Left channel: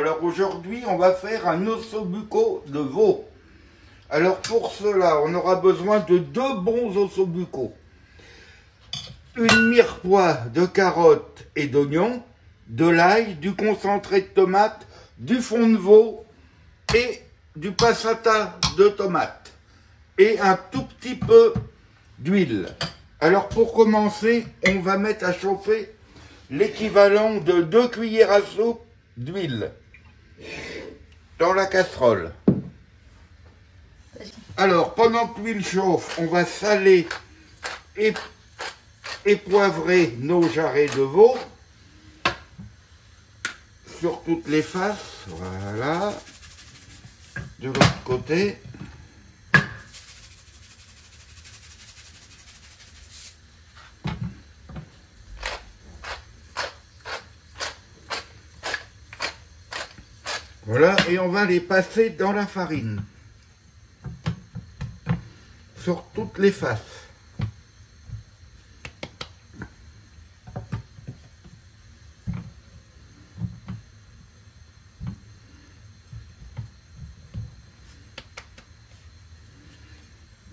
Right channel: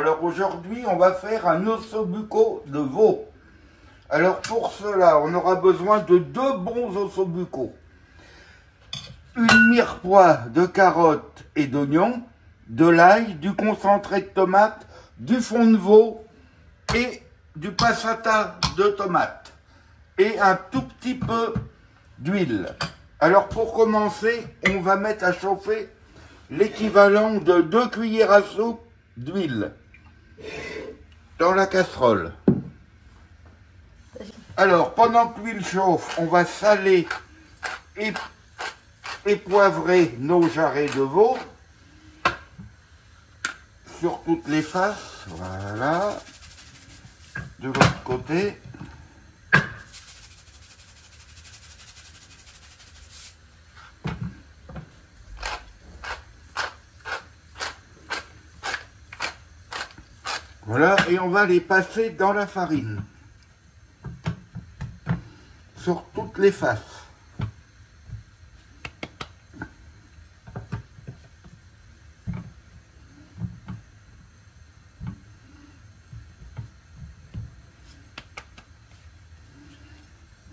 Alors aujourd'hui, on va faire un ossobuco de veau. Alors pour cela, on aura besoin de 2 bons ossobucos. Une mirepoix de carottes et d'oignons, de l'ail, du concentré de tomate, du fond de veau et du passata de tomate. Et un tout petit peu d'huile. Alors pour commencer, on va mettre à chauffer l'équivalent de 2 cuillères à soupe d'huile dans la casserole. Alors pendant que l'huile chauffe, on va saler et poivrer nos jarrets de veau sur toutes les faces. Voilà. De l'autre côté. Voilà, et on va les passer dans la farine. Sur toutes les faces.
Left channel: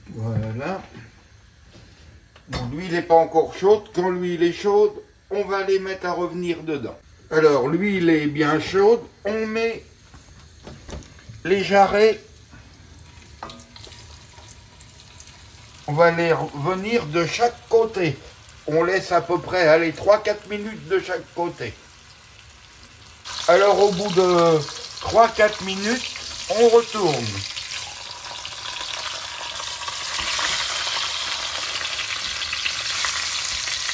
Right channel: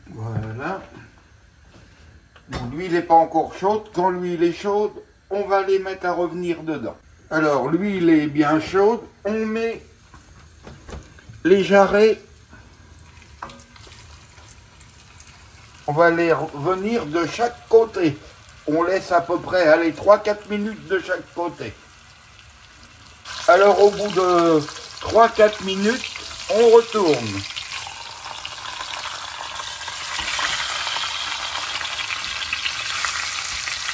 Voilà. Bon, l'huile n'est pas encore chaude. Quand l'huile est chaude, on va les mettre à revenir dedans. Alors, l'huile est bien chaude. On met les jarrets. On va les revenir de chaque côté. On laisse à peu près, allez, 3-4 minutes de chaque côté. Alors, au bout de 3-4 minutes, on retourne.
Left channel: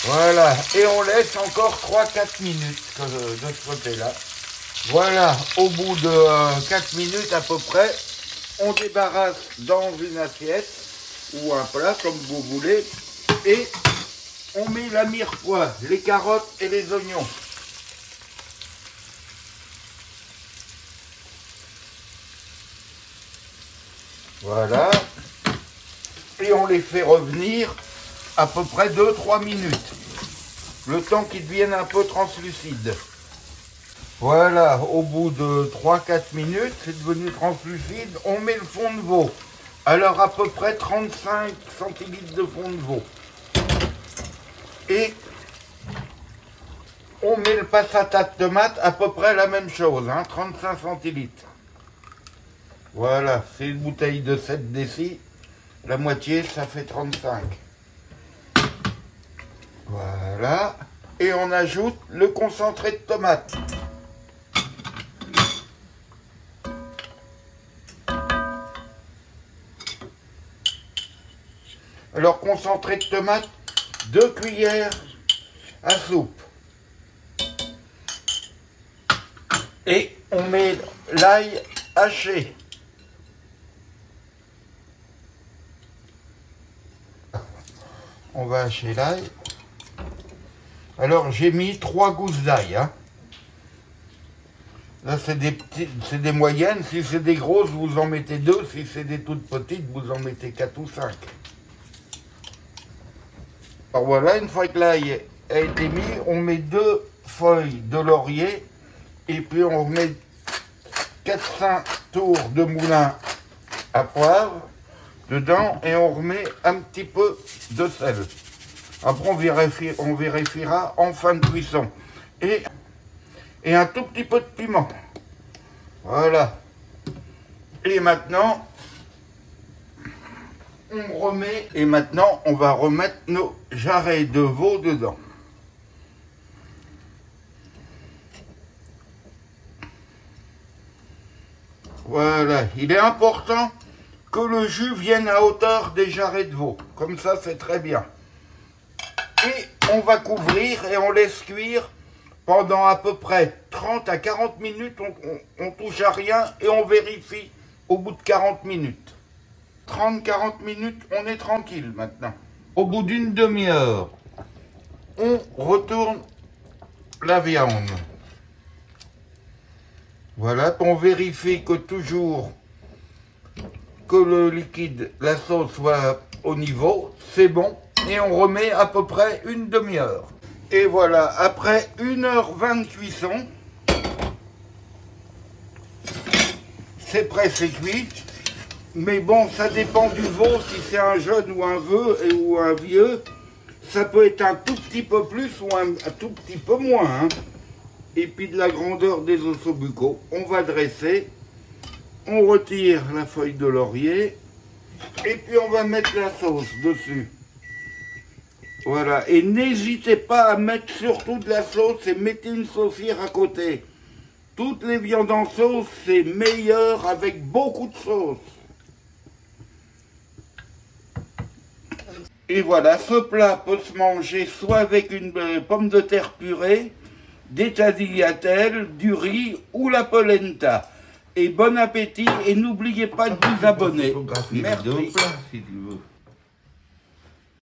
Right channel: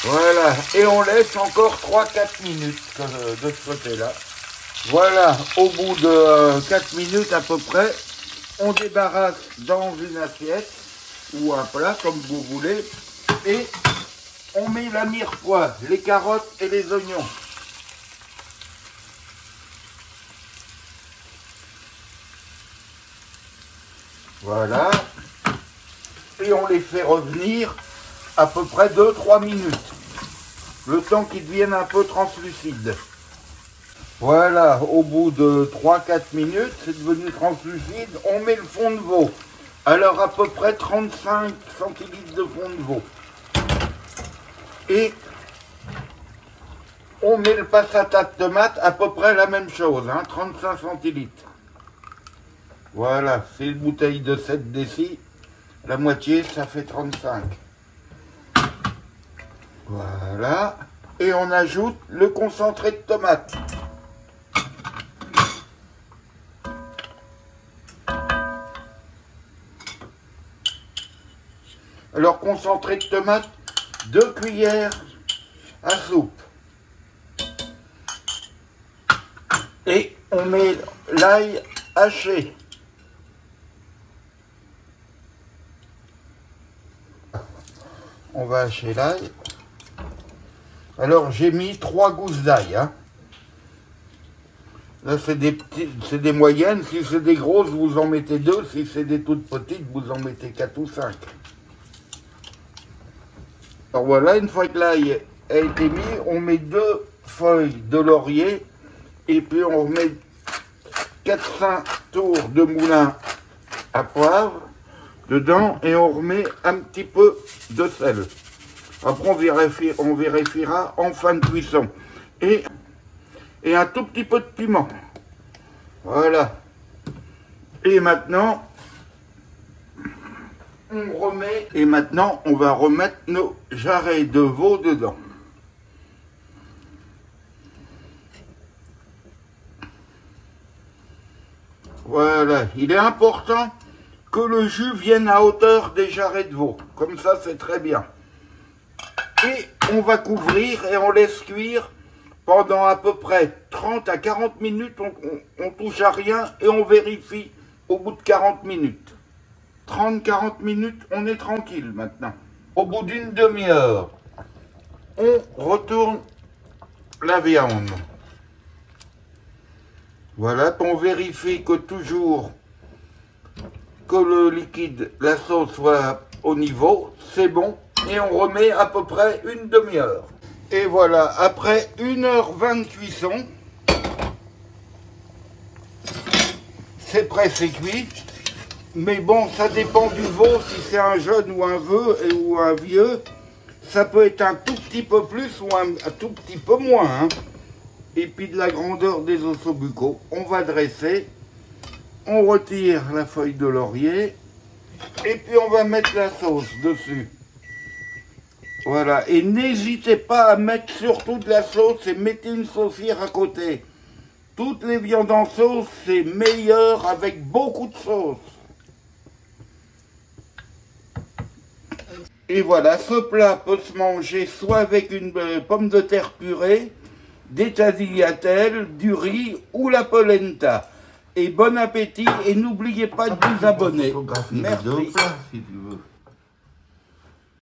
Voilà, et on laisse encore 3-4 minutes de ce côté-là. Voilà, au bout de 4 minutes à peu près, on débarrasse dans une assiette ou un plat, comme vous voulez, et on met la mirepoix, les carottes et les oignons. Voilà, et on les fait revenir à peu près 2-3 minutes, le temps qu'ils deviennent un peu translucides. Voilà, au bout de 3-4 minutes, c'est devenu translucide, on met le fond de veau. Alors à peu près 35 centilitres de fond de veau. Et on met le passata de tomate, à peu près la même chose, 35 centilitres. Voilà, c'est une bouteille de 7 décis, la moitié ça fait 35. Voilà, et on ajoute le concentré de tomate. Alors concentré de tomate, 2 cuillères à soupe. Et on met l'ail haché. On va hacher l'ail. Alors j'ai mis 3 gousses d'ail. Là c'est des petites, c'est des moyennes. Si c'est des grosses, vous en mettez 2. Si c'est des toutes petites, vous en mettez 4 ou 5. Alors voilà, une fois que l'ail a été mis, on met 2 feuilles de laurier et puis on remet 4-5 tours de moulin à poivre dedans et on remet un petit peu de sel. Après on vérifiera en fin de cuisson. Et un tout petit peu de piment. Voilà. Et maintenant, on remet, et maintenant on va remettre nos jarrets de veau dedans. Voilà, il est important que le jus vienne à hauteur des jarrets de veau. Comme ça, c'est très bien. Et on va couvrir et on laisse cuire pendant à peu près 30 à 40 minutes. On touche à rien et on vérifie au bout de 40 minutes. 30-40 minutes, on est tranquille maintenant. Au bout d'une demi-heure, on retourne la viande. Voilà, on vérifie que toujours que le liquide, la sauce soit au niveau, c'est bon. Et on remet à peu près une demi-heure. Et voilà, après 1h20 de cuisson, c'est prêt, c'est cuit. Mais bon, ça dépend du veau, si c'est un jeune ou un vieux. Ça peut être un tout petit peu plus ou un tout petit peu moins. Hein. Et puis de la grandeur des ossobucaux. On va dresser. On retire la feuille de laurier. Et puis on va mettre la sauce dessus. Voilà. Et n'hésitez pas à mettre surtout de la sauce et mettez une saucière à côté. Toutes les viandes en sauce, c'est meilleur avec beaucoup de sauce. Et voilà, ce plat peut se manger soit avec une pomme de terre purée, des tagliatelles, du riz ou la polenta. Et bon appétit et n'oubliez pas de vous abonner. Merci. Si tu veux.